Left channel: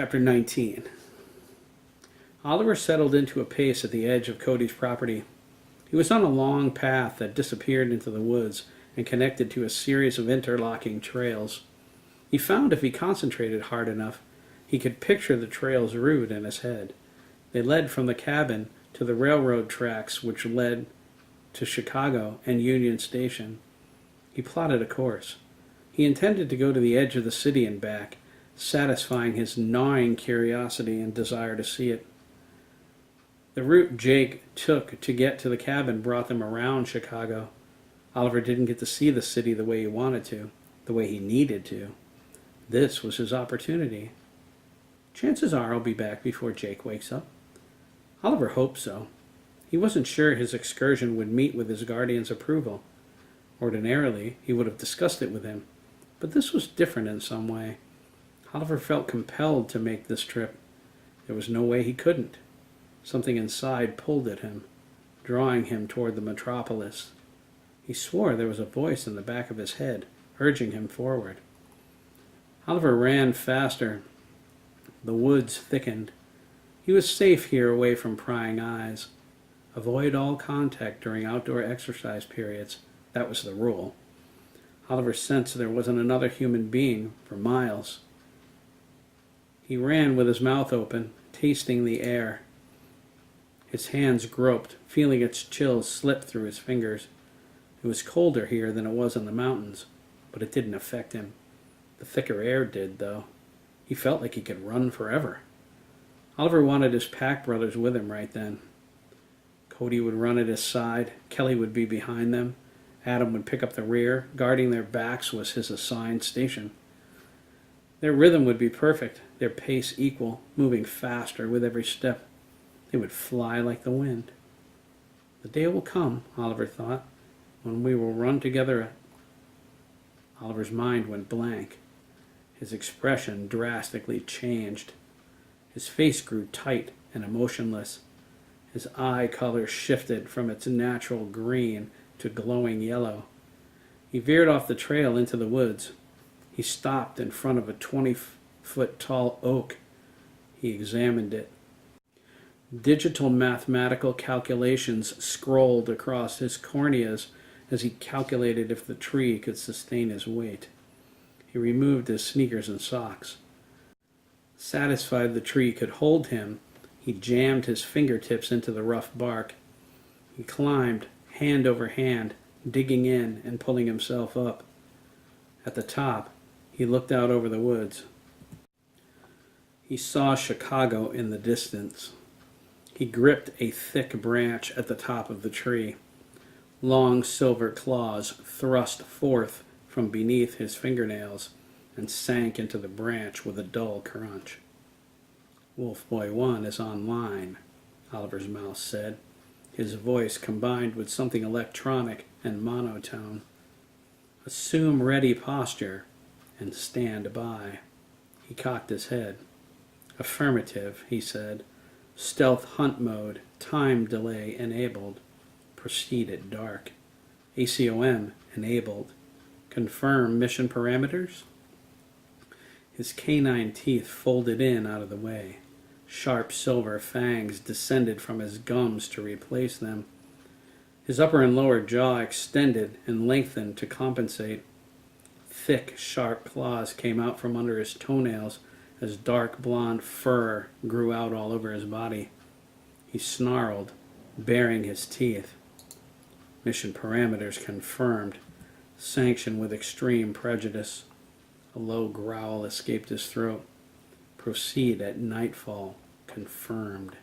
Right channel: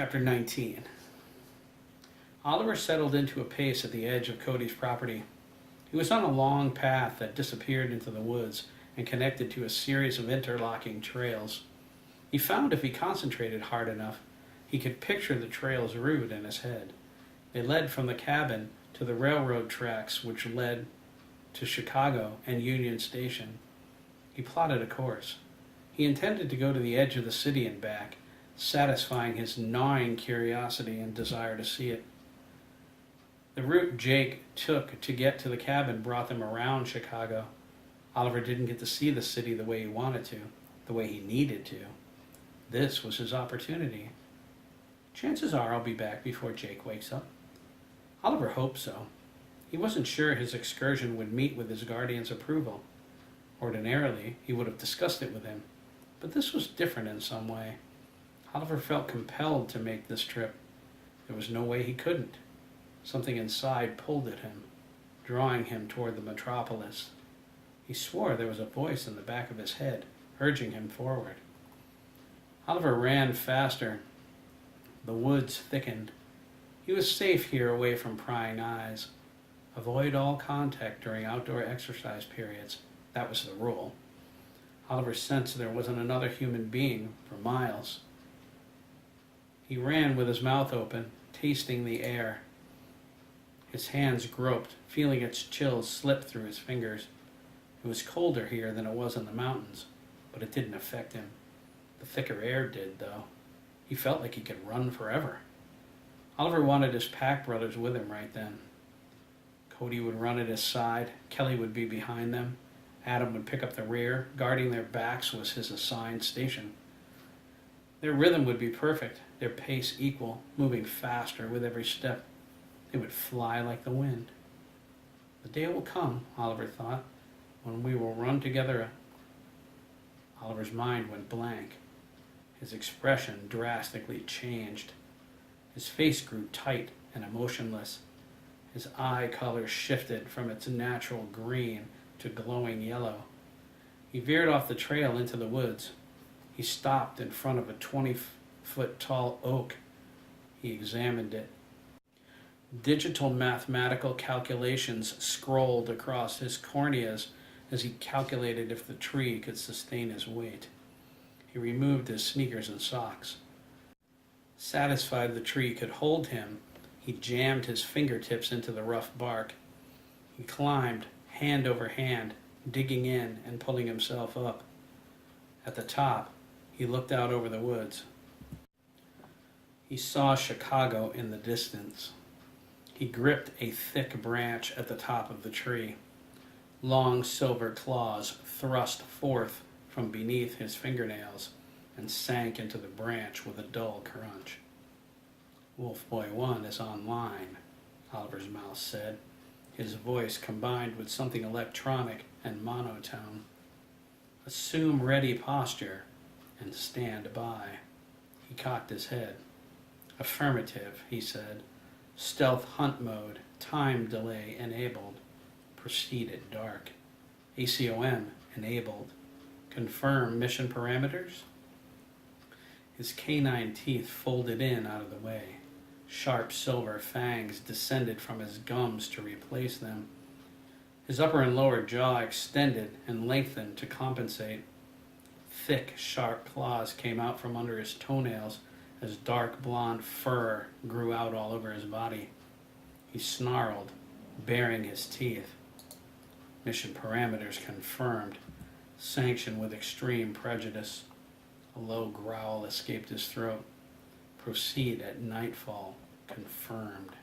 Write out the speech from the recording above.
Chapter 19. Oliver settled into a pace at the edge of Cody's property. He was on a long path that disappeared into the woods and connected to a series of interlocking trails. He found if he concentrated hard enough, he could picture the trail's route in his head. They led from the cabin to the railroad tracks which led to Chicago and Union Station. He plotted a course. He intended to go to the edge of the city and back, satisfying his gnawing curiosity and desire to see it. The route Jake took to get to the cabin brought them around Chicago. Oliver didn't get to see the city the way he wanted to, the way he needed to. This was his opportunity. Chances are I'll be back before Jake wakes up. Oliver hoped so. He wasn't sure his excursion would meet with his guardian's approval. Ordinarily, he would have discussed it with him, but this was different in some way. Oliver felt compelled to make this trip. There was no way he couldn't. Something inside pulled at him, drawing him toward the metropolis. He swore there was a voice in the back of his head, urging him forward. Oliver ran faster. The woods thickened. He was safe here away from prying eyes. Avoid all contact during outdoor exercise periods. That was the rule. Oliver sensed there wasn't another human being for miles. He ran with his mouth open, tasting the air. His hands groped, feeling its chills slip through his fingers. It was colder here than it was in the mountains, but it didn't affect him. The thicker air did, though. He felt like he could run forever. Oliver wanted his pack brothers with him right then. Cody would run at his side. Kelly would be behind them. Adam would pick up the rear. Guarding their backs was his assigned station. Their rhythm would be perfect, their pace equal, moving faster with every step. They would fly like the wind. The day will come, Oliver thought, when we will run together. Oliver's mind went blank. His expression drastically changed. His face grew tight and emotionless. His eye color shifted from its natural green to glowing yellow. He veered off the trail into the woods. He stopped in front of a 20-foot tall oak. He examined it. Digital mathematical calculations scrolled across his corneas as he calculated if the tree could sustain his weight. He removed his sneakers and socks. Satisfied the tree could hold him, he jammed his fingertips into the rough bark. He climbed, hand over hand, digging in and pulling himself up. At the top, he looked out over the woods. He saw Chicago in the distance. He gripped a thick branch at the top of the tree. Long silver claws thrust forth from beneath his fingernails and sank into the branch with a dull crunch. Wolf Boy 1 is online, Oliver's mouse said, his voice combined with something electronic and monotone. Assume ready posture and stand by. He cocked his head. Affirmative, he said. Stealth hunt mode, time delay enabled. Proceed at dark. ACOM enabled. Confirm mission parameters? His canine teeth folded in out of the way. Sharp silver fangs descended from his gums to replace them. His upper and lower jaw extended and lengthened to compensate. Thick, sharp claws came out from under his toenails as dark blonde fur grew out all over his body. He snarled, baring his teeth. Mission parameters confirmed. Sanctioned with extreme prejudice. A low growl escaped his throat. Proceed at nightfall. Confirmed.